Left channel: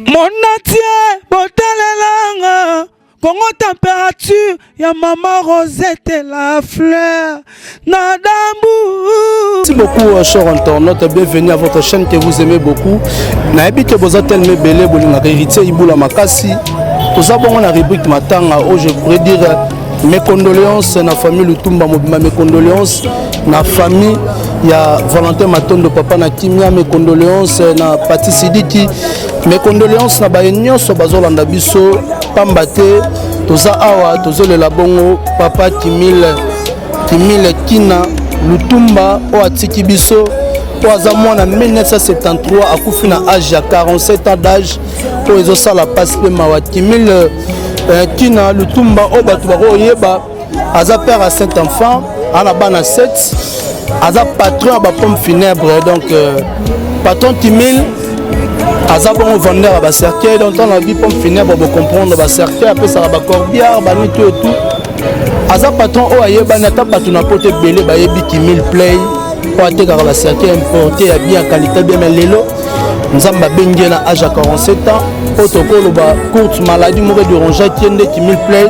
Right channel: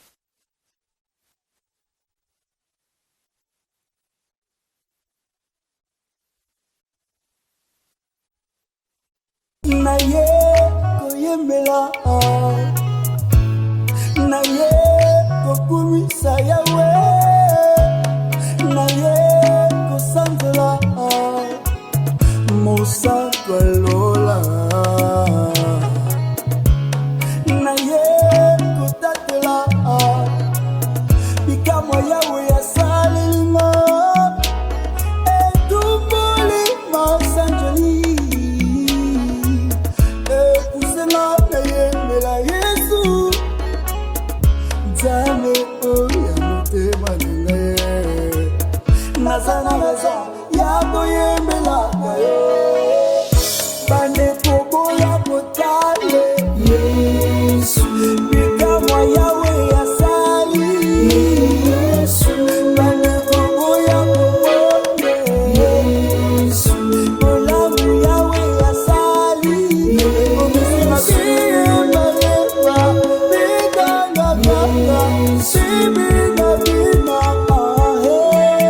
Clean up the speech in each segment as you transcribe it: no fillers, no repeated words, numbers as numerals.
Mon atier, botalelanga, Congo température, ya maman Rosette la fleur, Nadambu. Merci beaucoup, chers internautes, bienvenue à votre chaîne que vous aimez beaucoup. Naebi que vous êtes tellement belé, vous avez hérité Iboula Makasi. Tout ça, bon, on a rubrique Matanga, où je pourrais dire mes condoléances na famille Lutumba Mobima, mes condoléances na famille, il y a Valentin Matondo, papa na Kimia, mes condoléances na Pati Sidiki, mes condoléances na Bayenyo, Sobazolanda Biso, Pambate, Toza Awa, Tozo le Labongo, papa Kimile Kina, Lutumba, Oatiki Biso, Oazamon en 1973, à Koufina âge à 47 ans d'âge, pour les osas la passe de Mawa Kimile Kina, Lutumba, Obatwaro Yeba, Aza père à 7 enfants, à la bana 7, Aza patron à la pomme funèbre, donc patron Kimile, Aza bon vendeur à la cercueil, donc dans la vie pomme funèbre, vous comprendre la cercueil, après ça va corbière, banito et tout. Aza patron Oyeba, n'ata pas tout n'importe belé, Bayebi Kimile Play. Pour atteindre la cercueil importé à bien qualité bien lélo nous avons bengue na âge à 47 ans protocole ba courte maladie mauvais de rongeait tiende Kimile Play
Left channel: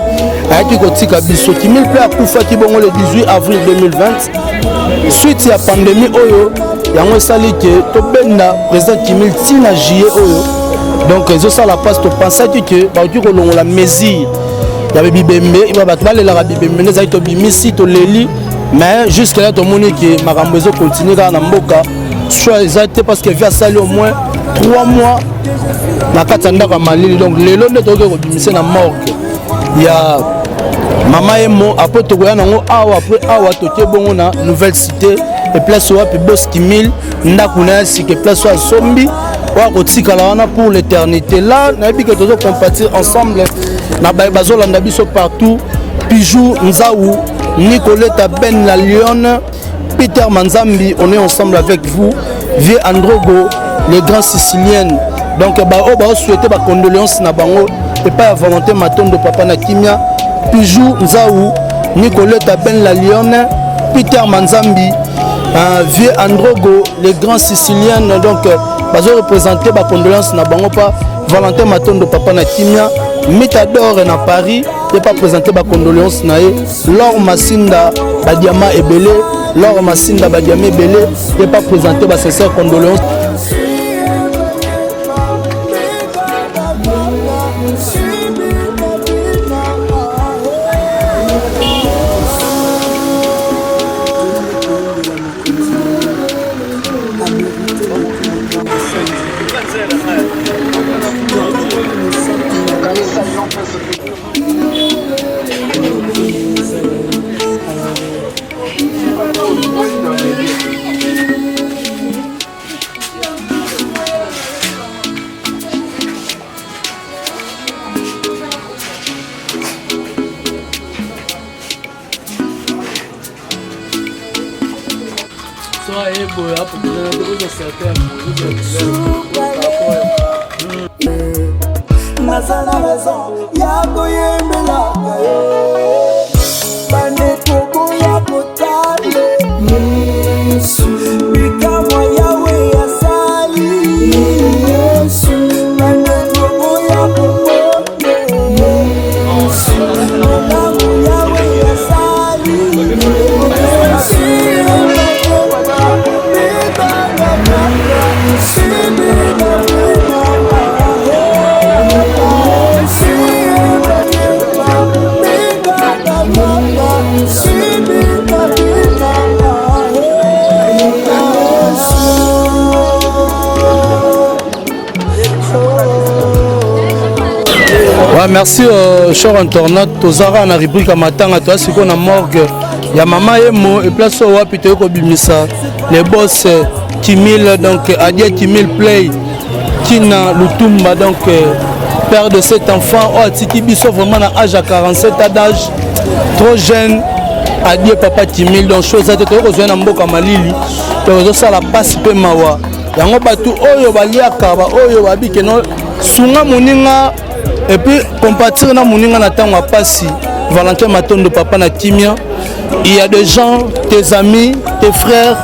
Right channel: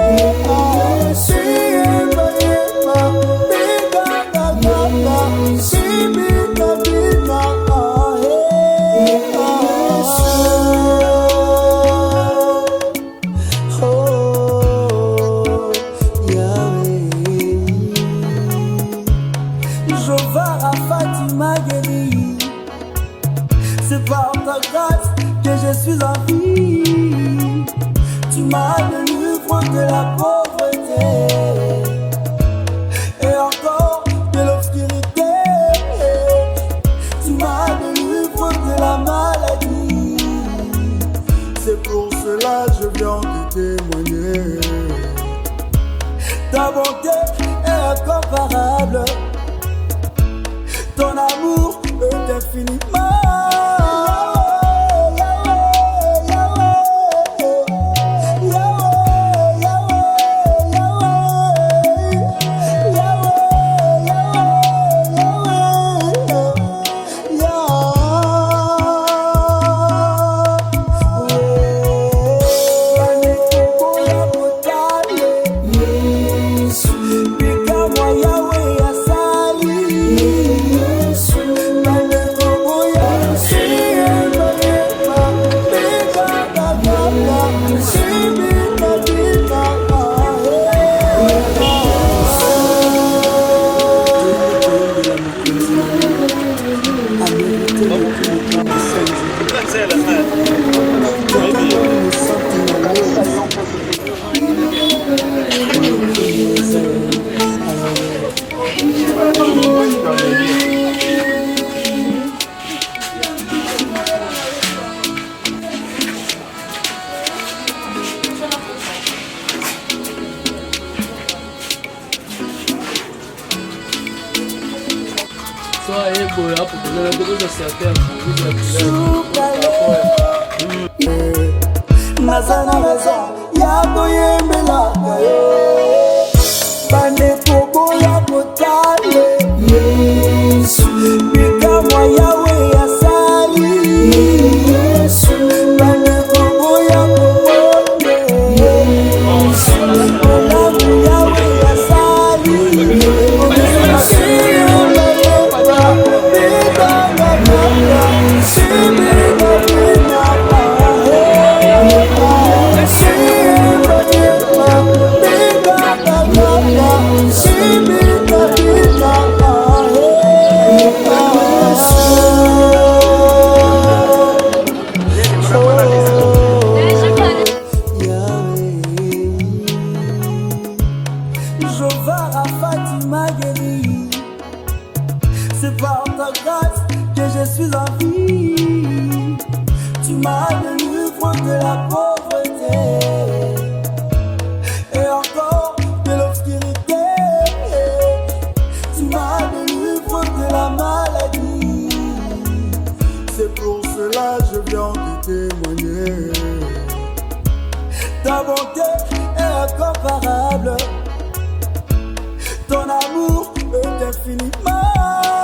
a été kotika biso Kimile Play a kufa ki bongo le 18 avril 2020 suite à pandémie oyo yango sali ke to benda président Kimile tina juillet oyo donc ils ont ça la passe to penser que ba tu ko longola mesure ya bibembe iba batwa le la bibembe les aito bimisi to leli. Mais jusqu'à là, tout le monde qui m'a ramené continuer dans la Mboka. Soit parce qu'il vient salir au moins 3 mois. La Katanda va Mali. Donc, les lots de Togo, c'est la morgue. Il y a Maman et moi, après Togo, après Awa, Toké, bon, on a nouvelle cité. Et place où il bosse Kimile, Nakuna, si que place où il Sombi. Pour l'éternité. Là, on a dit que nous allons compatir ensemble. Nous avons partout. Pijou, Nzaou, Nicoletta Ben la Lyon, Peter Manzambi, on est ensemble avec vous. Vieux Androgo, les grands Siciliens. Donc, on souhaite des condoléances na bango et pas à volonté maton de papa na Kimia. Pijou, Nzaou, Nicoletta Ben la Lyon, Peter Manzambi, Vieux Androgo, les grands Siciliens. Donc, on représenter des condoléances na bango pas Valentin maton de papa na Kimia. Mitador na Paris, et pas présenter ma condoléance nae. Laure Massinda, Badiama Ebele, Laure Massinda, Badiama Ebele, et pas présenter ma sincère condoléance. Nazana raison ya koyembela yo bande kobo ya kotale bikamwa yawe ya sali bande kobo ya kobonde olamu yawe ya sali Merci, chers internautes. Tozara na rubrique à Matanga, toi, c'est qu'on a morgue. Il y a Maman Emo et place où on peut Bimisa. Les boss Kimile, donc Adia Kimile Play, Kina Lutumba, donc père de 7 enfants. Oh, Tiki Bisso, vraiment à âge à 47 ans d'âge, trop jeune. Adia Papa Kimile, donc chose à te rejoindre en Mboka Malili. Donc ça la passe peu mawa. Yango batu oyo baliaka ba oyo babike no sunga muninga. Et puis, compatir na moninga na tango pasi Valentin Matondo papa na Kimia. Il y a des gens, tes amis, tes frères,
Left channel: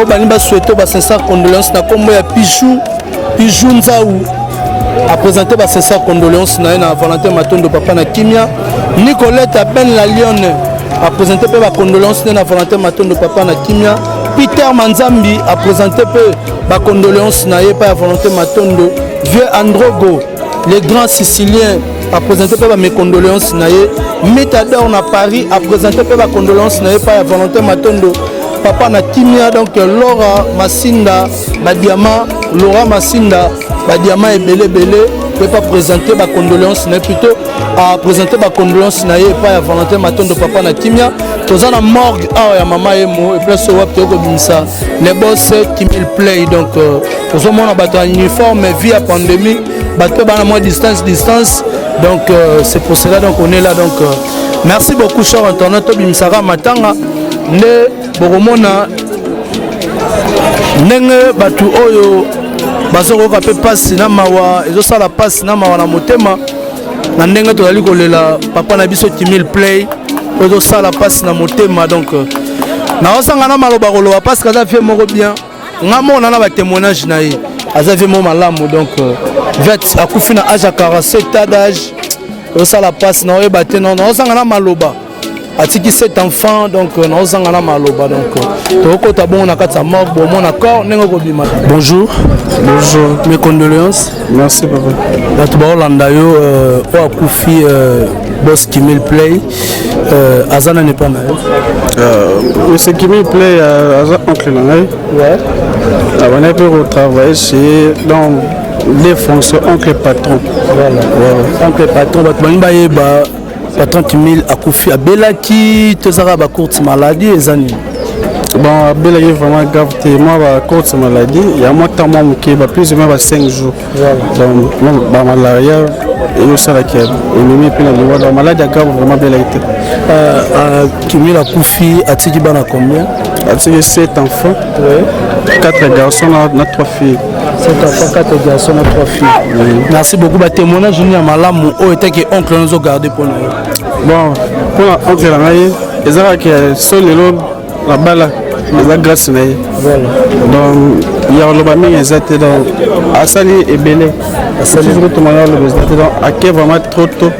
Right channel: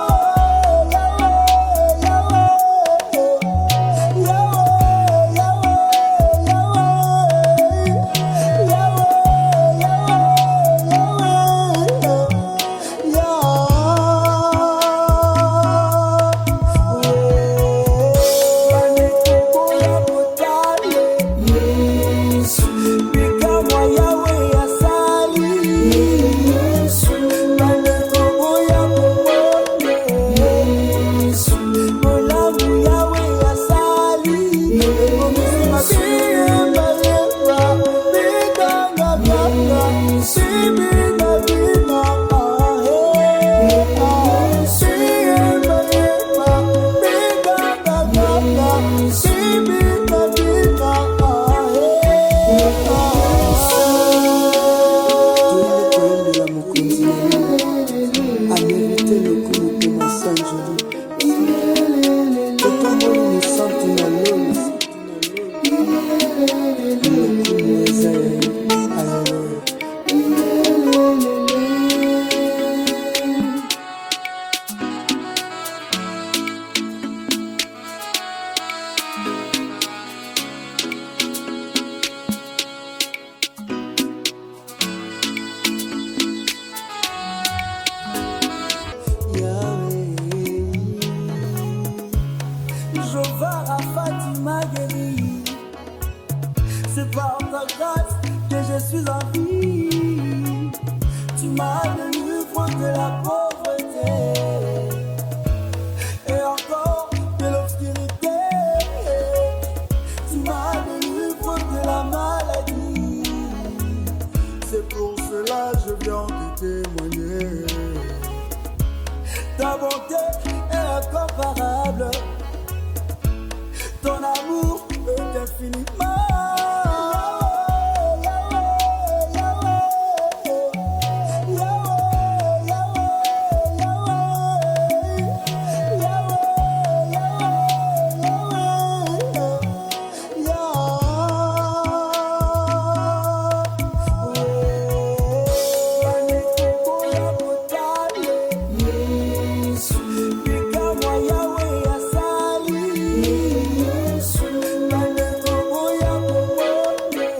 au bani ba souhaiter ba sincère condoléances na kombo ya Pijou Nzaou, a présenté sa condoléance na Valentin Matondo papa na Kimia. Nicolette Ben la Lionne a présenté la condoléance na Valentin Matondo papa na Kimia. Peter Manzambi a présenté la condoléance na pa Valentin Matondo. Vieux Androgo, les grands Siciliens a présenté mes condoléances na Métador na Paris a présenté la condoléance na pa Valentin Matondo papa na Kimia. Donc Laura Massinda Badiama, Laura Massinda Badiama et Belé peut pas présenter la condoléance na plutôt a présenté la condoléance na pa Valentin Matondo papa na Kimia. Tous en morgue ya maman emo et puis so wa peut bimisa les boss Kimil Play. Donc tous en mona bata uniforme via pandémie bateau bana moins distance. Donc c'est pour cela donc on est là. Donc merci beaucoup cher internet bimisara matanga ne boromona nenge batu oyo bazoko ka pe passe na mawa ezo sala passe na mawa na motema na ndenge to dali kolela papa na biso Kimil Play ezo sala passe na motema. Donc na osanga na maloba koloba parce que ça fait moko bien ngamona na ba témoignage na ye azavi mo malamu. Donc vet akufi na âge à 47 ans d'âge ça la passe na oye baté non osanga na maloba atiki 7 enfants. Donc na osanga na maloba. Donc to ko bon na kata mort bon mon accord nengo ko bima. Bonjour mes condoléances. Merci papa bato ba Holanda yo o akufi boss Kimil Play azana ne pas na monsieur Kimil Play aza oncle na ngai ouais on a pu retravailler chez dans les fonctions oncle patron. Voilà oncle patron bato bani ba yeba patron Kimil akufi abelaki tozara ba courte maladie ezani. Bon, Abel est vraiment grave. Moi, ma courte maladie, il y a moi tant qui est plus ou moins 5 jours. Donc, ma malaria, et nous sommes là qui est puis la maladie grave vraiment belle été. Kimil a Koufi, a Tiki Bana combien? A Tiki 7 enfants, 4 garçons, 3 filles. 7 enfants, 4 garçons, 3 filles. Merci beaucoup. Bah, témoignage, je Malam, où était que oncle nous a gardé pour nous. Bon, pour l'oncle, les gens qui sont les lots là-bas là. La grâce là. Donc il y a le bami exact donc Asali et Belé. Asali tout le monde le exact donc à qui vraiment trop tôt.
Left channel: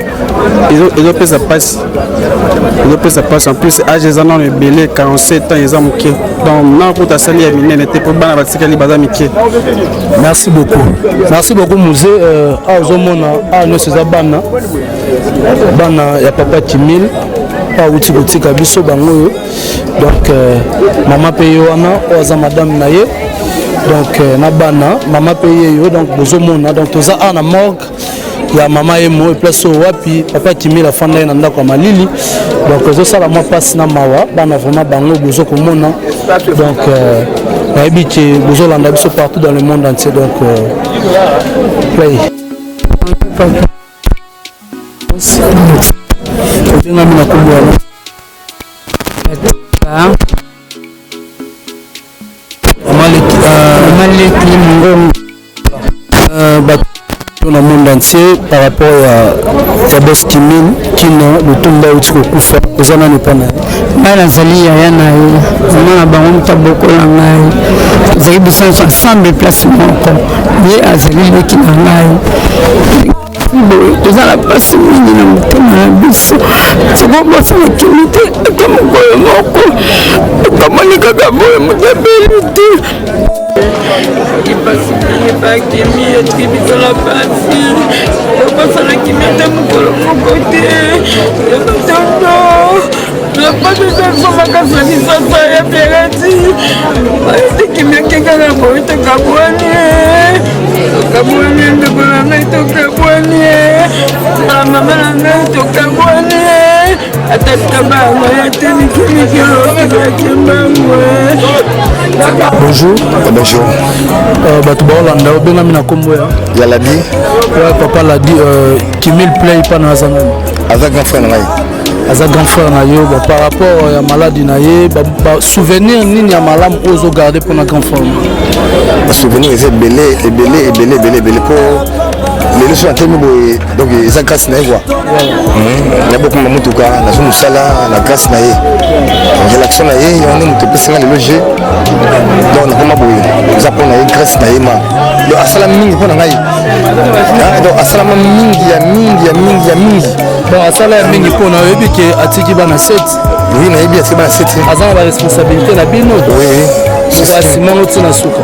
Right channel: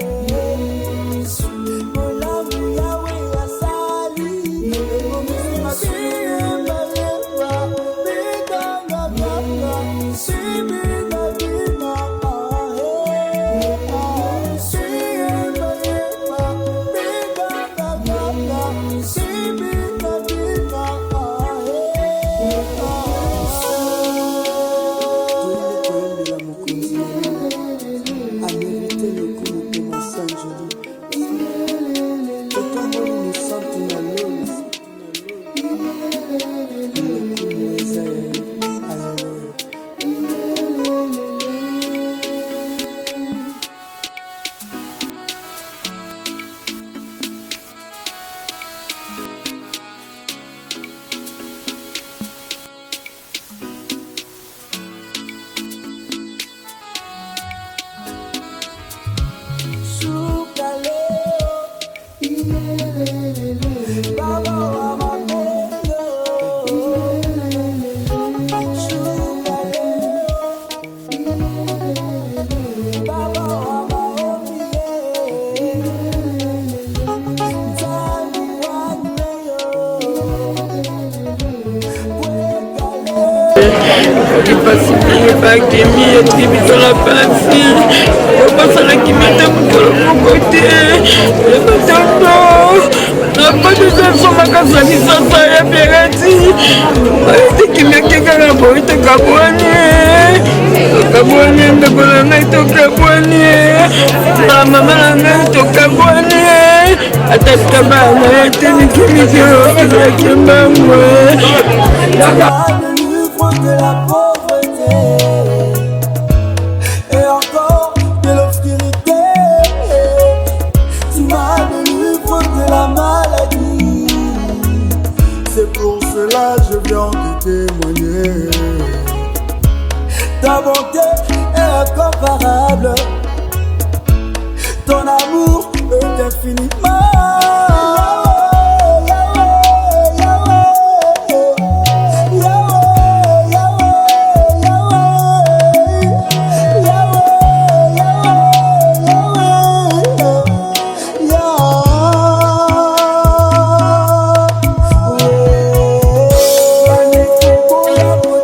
Ils ont fait ça passe. Ils ont fait ça passe en plus âge ils en ont le Belé 47 ans ils ont moqué. Donc non pour Asali et Belé n'était pas bana batika li baza miké. Merci beaucoup musée azomona no c'est bana ya papa Kimil pa uti kotika biso bango. Donc maman paye wana oza madame naye donc na bana maman paye yo donc bozomona donc toza ana morgue ya maman emo et place wapi papa Kimil la fanda na ndako malili donc zo sala moi passe na mawa bana vraiment bango bozo komona donc na ebiki bozo landa biso partout dans le monde entier. Donc play dans le monde entier par rapport à boss Kimil Kino le tomba utiko kufa ezana ne pana bana zali ya na na bango taboko la ngai zali bisan ensemble place moko ye azali le kina ngai tozala pasi mingi na motema na biso soko bosala kimite kama koyo moko kamoni kaka boye motabeli te kipasi pas kimi etiki biso la pasi obosala kimite mokolo moko te ebatondo napatezaliso makasa lisasa ya perati aetikimi akekaka boye tokabwani tokabwani ndeko na ngai tokabwani mama na ngai tokabwani atata bana yatenikimikiokiakembangwe. Bonjour. Bato ba Holanda obenami na kombo ya Ladi. Papa Ladi Kimil Play pana azana. Avec un frère. aza grand frère na yo par rapport ya maladie na ye souvenir nini ya malamu oyo ozogarde mpona grand frère souvenir eza ebele po lelo so atemi boye donc eza grâce na ye kua na bokoma motuka nazo mosala na grâce na ye relaction na ye yango nde moto epesinga lelo je donc nakoma boye eza mpo na ye grâce na ye ma yo asala mingi mpo na ngai donc asalama mingi bon asala ya mingi mpona oyebi ke atiki bana 7 oui nayebi atiki bana 7 aza na baresponsabilité na bino asima otina suka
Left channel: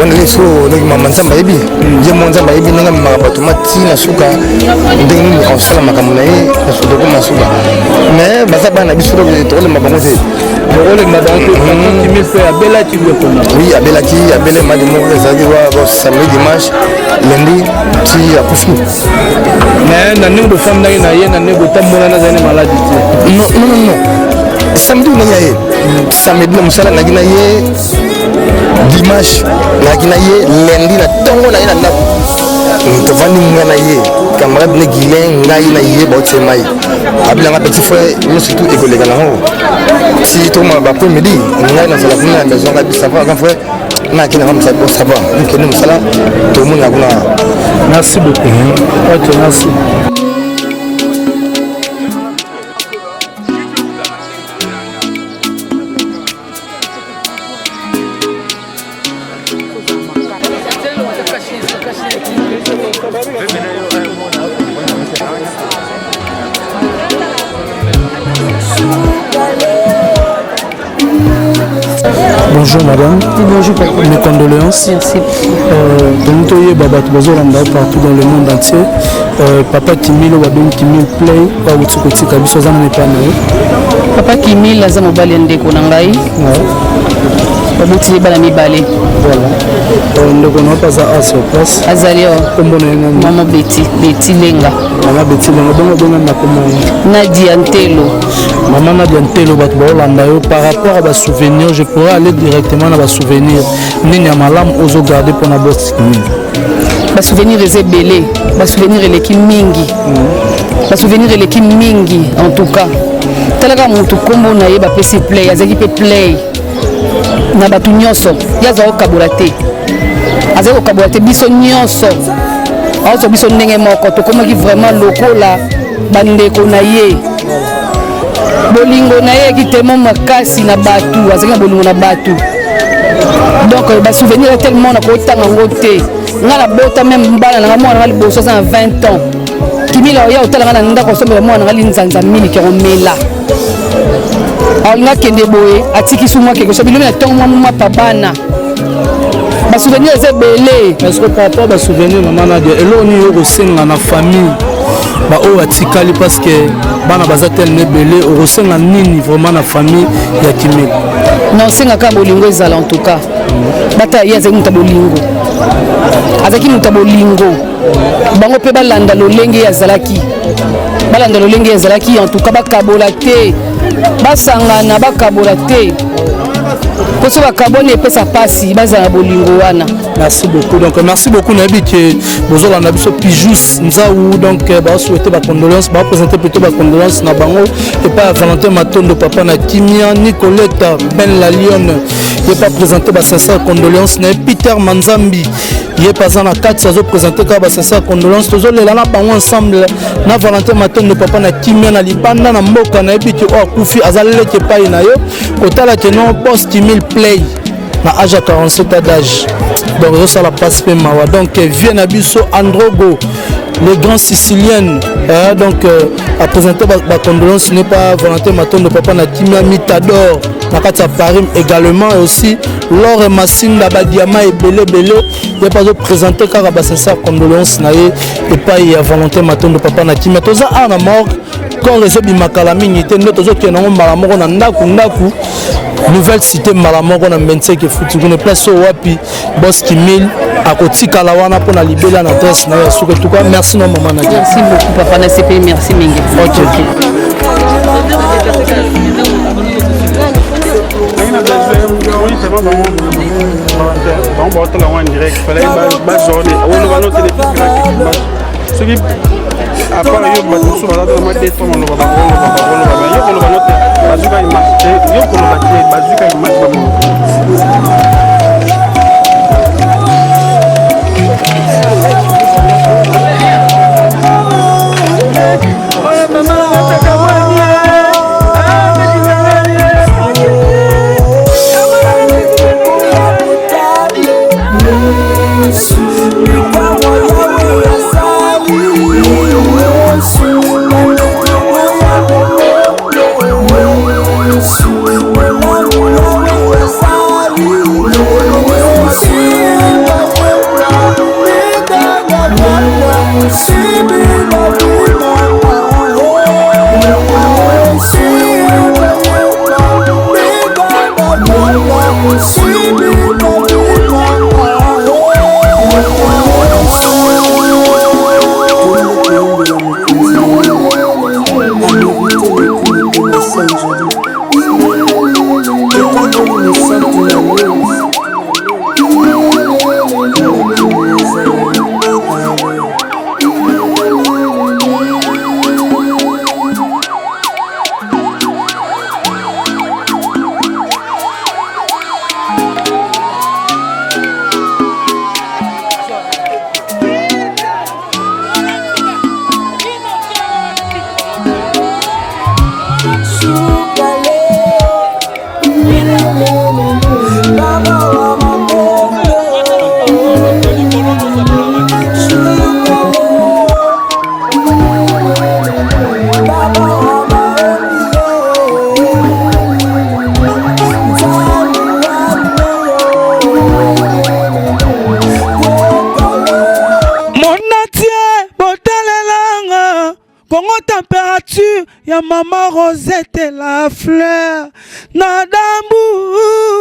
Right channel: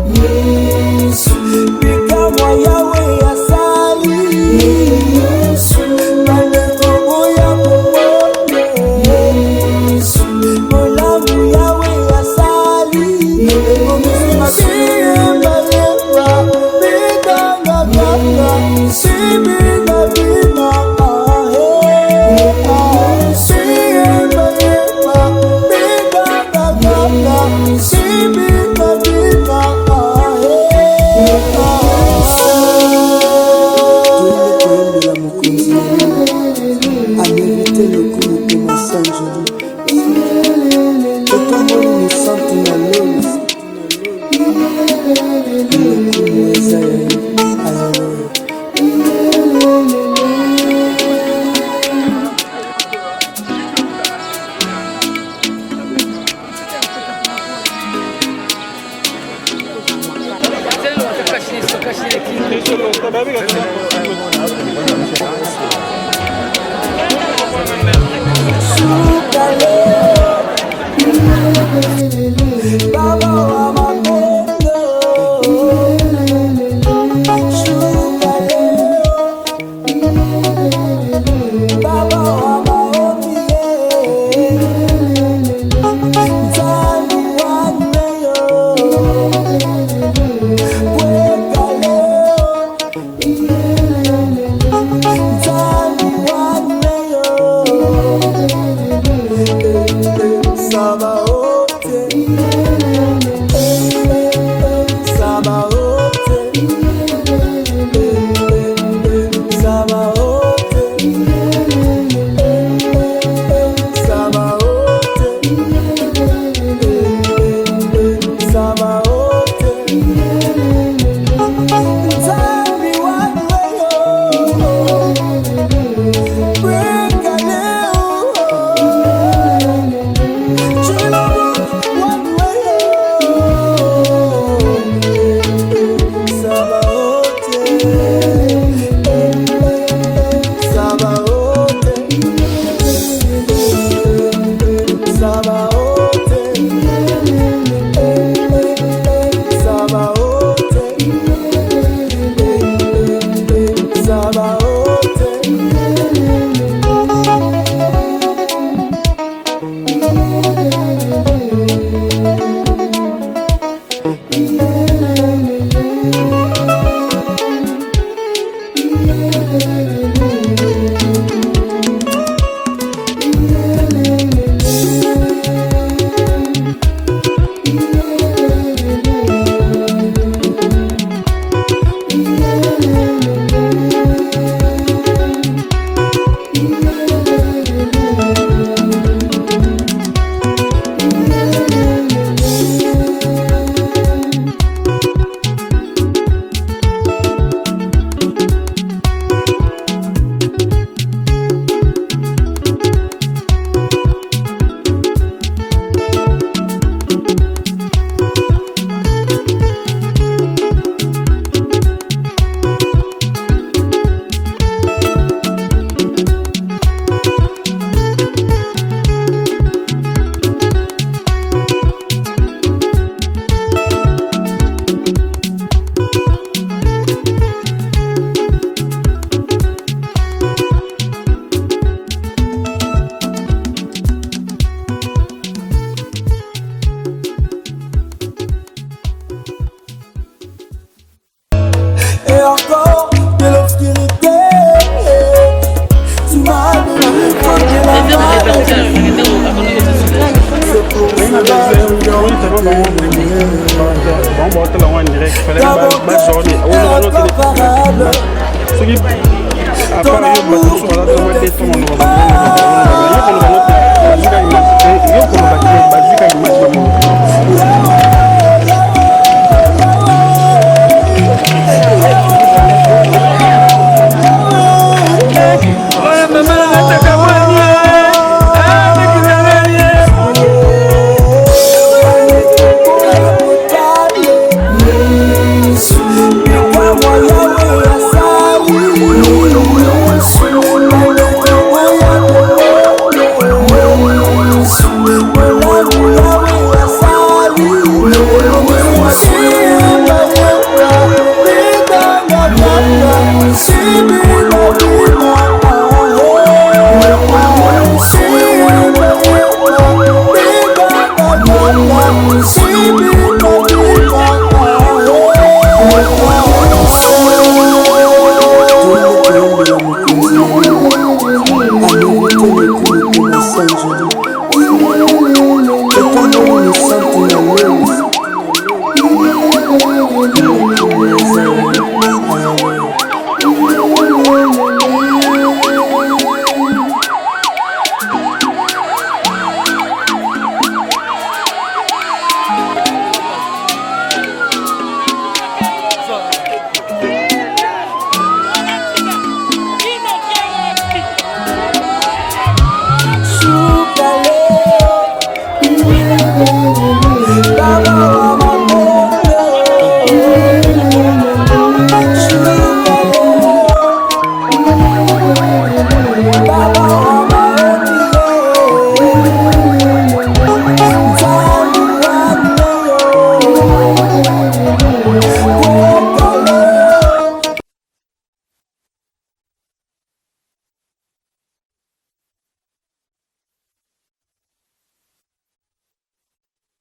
wana leso ndenge mama nzambe ayebi ye mwa nzambe ayebi ndenge amemaka bato matina suka ndenge akosala makambo na ye nasukakoma suka mais baza bana na biso tokolema bango te oui abelaki madi moko ezalaki samedi dimanche lundi ti akufi na ndenge bofandaki na ye na ndenge botambolana azali maladi te non samedi nanga ye samedi na mosala naki na ye dimanche naki na ye lundi na ntongo na ye na ndako tovandi nga na ye camarade ne guilin ngai na ye baotemai abilanga petit frère nyonso tu ekoleka nango si toma bapoe midi ngai nazala kuna na maison na bisava grand frère nakende nga mosala bon sava nkende mosala tomona kuna. Merci beaucoup. Ok, merci. Bonjour madame. Bonjour papa. Mes condoléances. Merci. Partout dans le monde entier. Papa Kimil Wadon Kimil Play Otukotika biso za na pana. Papa Kimil aza mobali ya ndeko na ngai. Obuti bana mibale. Ndeko na paza sur place. Azali o kombo na ngana. Mama Betty Lenga. Mama Betty Lenga bongo na kombo. Nadia Ntelo. Maman Nadia Ntelo bato Hollanda yo par rapport à ba souvenir, je pourrais aller directement dans ba souvenir. Nini malam ozo garder pour na box. Ba souvenir eza belé, ba souvenir eleki mingi. Ba souvenir eleki mingi en tout cas. Talaka moto kombo na ye ba pesi play, azaki pe play. Na batu nyonso, yaza okabula te. Azaki okabula te biso nyonso. Azo biso ndenge moko to komaki vraiment lokola bandeko na ye. Bolingo na ye ki tellement makasi na batu, azaki bolingo na batu. Donc ba souvenir tellement na ko tanga ngote. Ngala bota même mbala na mwana ngali boso za 20 ans. Kimila ya otala na ndako so mwana ngali nzanza mini ki romela. Alinga kende boye atiki sumwa ke so bilome na tongo mama pabana. Ba souvenir c'est belé. Est-ce que papa ba souvenir maman Nadia eloni yo kosenga na famille. Ba o atikali parce que bana bazatel ne belé o kosenga nini vraiment na famille ya Kimila. Non senga ka bolingo ezala en tout cas. Bata yaze mutabolingo. Azaki mutabolingo. Bango pe balanda lolenge ya zalaki. Balanda lolenge ya zalaki en tout cas bakabola te. Basangana bakabola te. Koso bakabone pesa pasi bazala bolingo wana. Merci beaucoup. Donc merci beaucoup Nabi que vous avez un abisso pijus nzaou donc ba souhaiter ba condoléances, ba présenter plutôt ba condoléances na bango et pas Valentin Matondo papa na Kimia Nicoletta Ben la Lionne et pas présenter ba sincère condoléances na Peter Manzambi. Il est passé na 4 saisons présenter ka ba sincère condoléances tous les là bango ensemble na Valentin Matondo papa na Kimia na Libanda na Mboka na Ebi que o kufi azalele ke pa ina yo kotala ke non post 1000 play na âge à 47 ans d'âge. Donc ça la passe même mawa. Donc vient Abisso Androgo, les grands siciliennes. Donc à présenter ma condoléance n'est pas Valentin Matondo papa na Kimia Mitador na Katia Paris également et aussi Laure et Massinda Badiama et Belé il a pas de présenter car à sa condoléance na et pas il y a Valentin Matondo papa na Kimia toza ana mort quand les bimakala mingi te ndo tozo ke na malamoko na ndaku nouvelle cité malamoko na Menseke futu kuna place wapi boss Kimil akotika la wana pour na libela na adresse na surtout merci non maman Nadia. Merci beaucoup papa na CP merci mingi. ton amour. Température, ya maman Rosette la fleur, Nadambu.